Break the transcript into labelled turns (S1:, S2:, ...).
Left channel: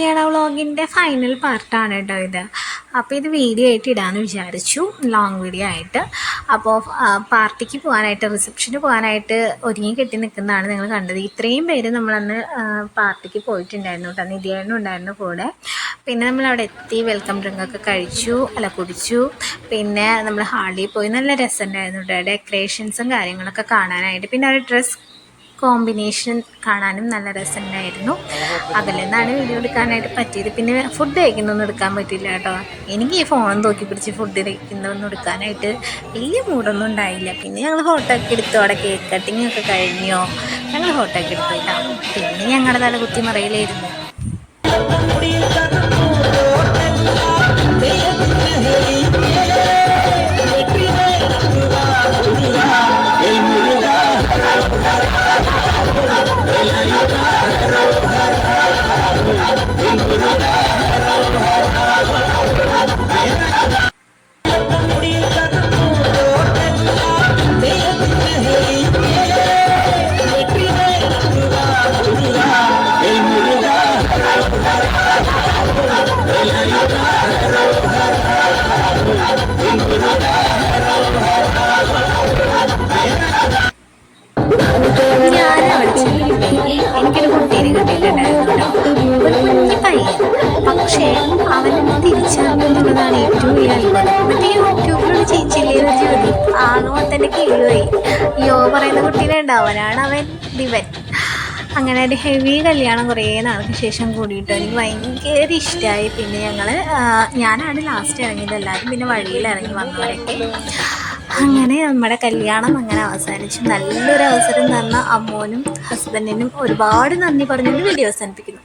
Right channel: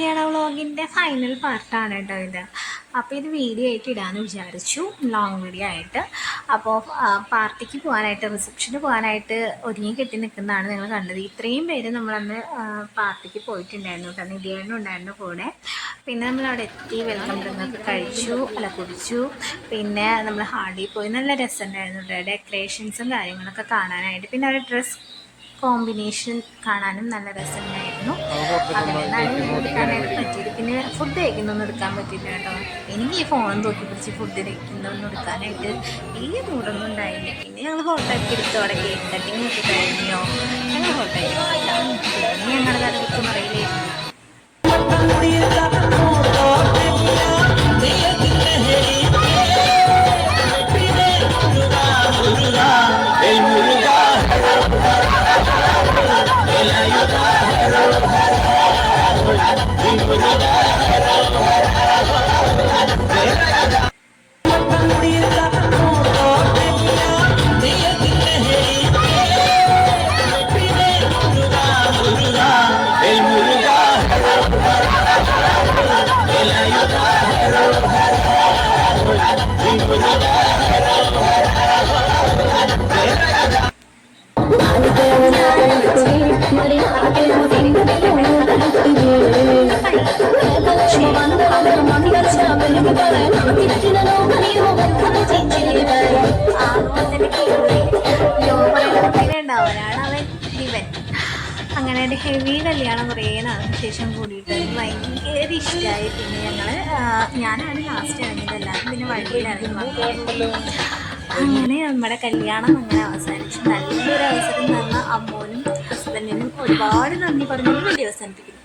S1: കല്യാണ വ്ളോഗിന്റെ ഫൈനൽ പാർട്ടാണ് കേട്ടോ ഇത്. അപ്പോൾ ഇത് വീഡിയോ ആയിട്ട് ഇടാമെന്ന് വിചാരിച്ചു. ലോങ് വീഡിയോ ആയിട്ട്. അപ്പോൾ പാർട്ടിക്ക് പോകാനായിട്ട് റിസപ്ഷന് പോകാനായിട്ട് ഒരുങ്ങി കെട്ടി നിൽക്കുന്നതാണ് നിങ്ങൾ കണ്ടത്. ഇത്രയും പേര് നമ്മളന്ന് പാർട്ടിക്ക് പോയിട്ടുണ്ടായിരുന്നു കേട്ടോ. നിധിയായിരുന്നു ഉണ്ടായിരുന്നു കൂടെ. പിന്നെ നമ്മൾ അവിടെ എത്തി വെൽക്കം ഡ്രിങ്കൊക്കെ കഴിച്ചു അല്ല കുടിച്ചു. പിന്നെ നമ്മൾ ഹാളിൽ പോയി. നല്ല രസമുണ്ടായിരുന്നു കേട്ടോ. ഡെക്കറേഷൻസും കാര്യങ്ങളൊക്കെ കാണാനായിട്ട്. പിന്നെ അവിടെ ഡ്രസ് കോമ്പിനേഷൻ കാണാനും നല്ല രസമുണ്ടായിരുന്നു. അതിൽ നിന്നാണ് വീഡിയോ എടുക്കാനായിട്ട് പറ്റിയത്. പിന്നെ ഫുഡ് കഴിക്കുന്നൊന്നും എടുക്കാൻ പറ്റില്ല കേട്ടോ. എനിക്ക് ഈ ഫോൺ നോക്കി പിടിച്ച് ഫുഡ് കഴിക്കുന്നൊന്നും എടുക്കാനായിട്ട് വലിയ മൂടൊന്നും ഉണ്ടായില്ല. പിന്നെ ഞങ്ങൾ ഫോട്ടോ ഒക്കെ എടുത്തു. അവിടെ കേക്ക് കട്ടിങ് ഒക്കെ കഴിഞ്ഞോ. ഞങ്ങൾ ഫോട്ടോ ഒക്കെ എടുത്തില്ല പിന്നെ ഞങ്ങളുടെ തല കുത്തി മറയിലായിരുന്നു പക്ഷേ അവരൊന്നും തിരിച്ചറിയുന്നതാണ് ഏറ്റവും ആണോ തന്നെ കീഴുപോയി യോ പറയുന്ന കുട്ടീനെ ഉണ്ടാവലാണ് അവൻ ദിവൻ അങ്ങനെ ഒരു ഹെവി കല്യാണം കുറേ നാൾക്ക് ശേഷം കൂടിയിട്ട് എനിക്ക് ഭയങ്കര ഇഷ്ടമായി പിന്നെ ഞങ്ങൾ ഞാനാണ് ലാസ്റ്റ് ഇറങ്ങിയത്. എല്ലാവരും പിന്നെ വഴിയിൽ ഇറങ്ങി അങ്ങനെ നമ്മുടെ കല്യാണം അങ്ങനെ അവസാനിച്ചു. നല്ലൊരു അവസരം തന്ന അമ്മോനും ഹസ്ബൻഡിനും ഒരുപാട് നന്ദി പറഞ്ഞുകൊണ്ട് വീഡിയോ അവസാനിപ്പിക്കുന്നു.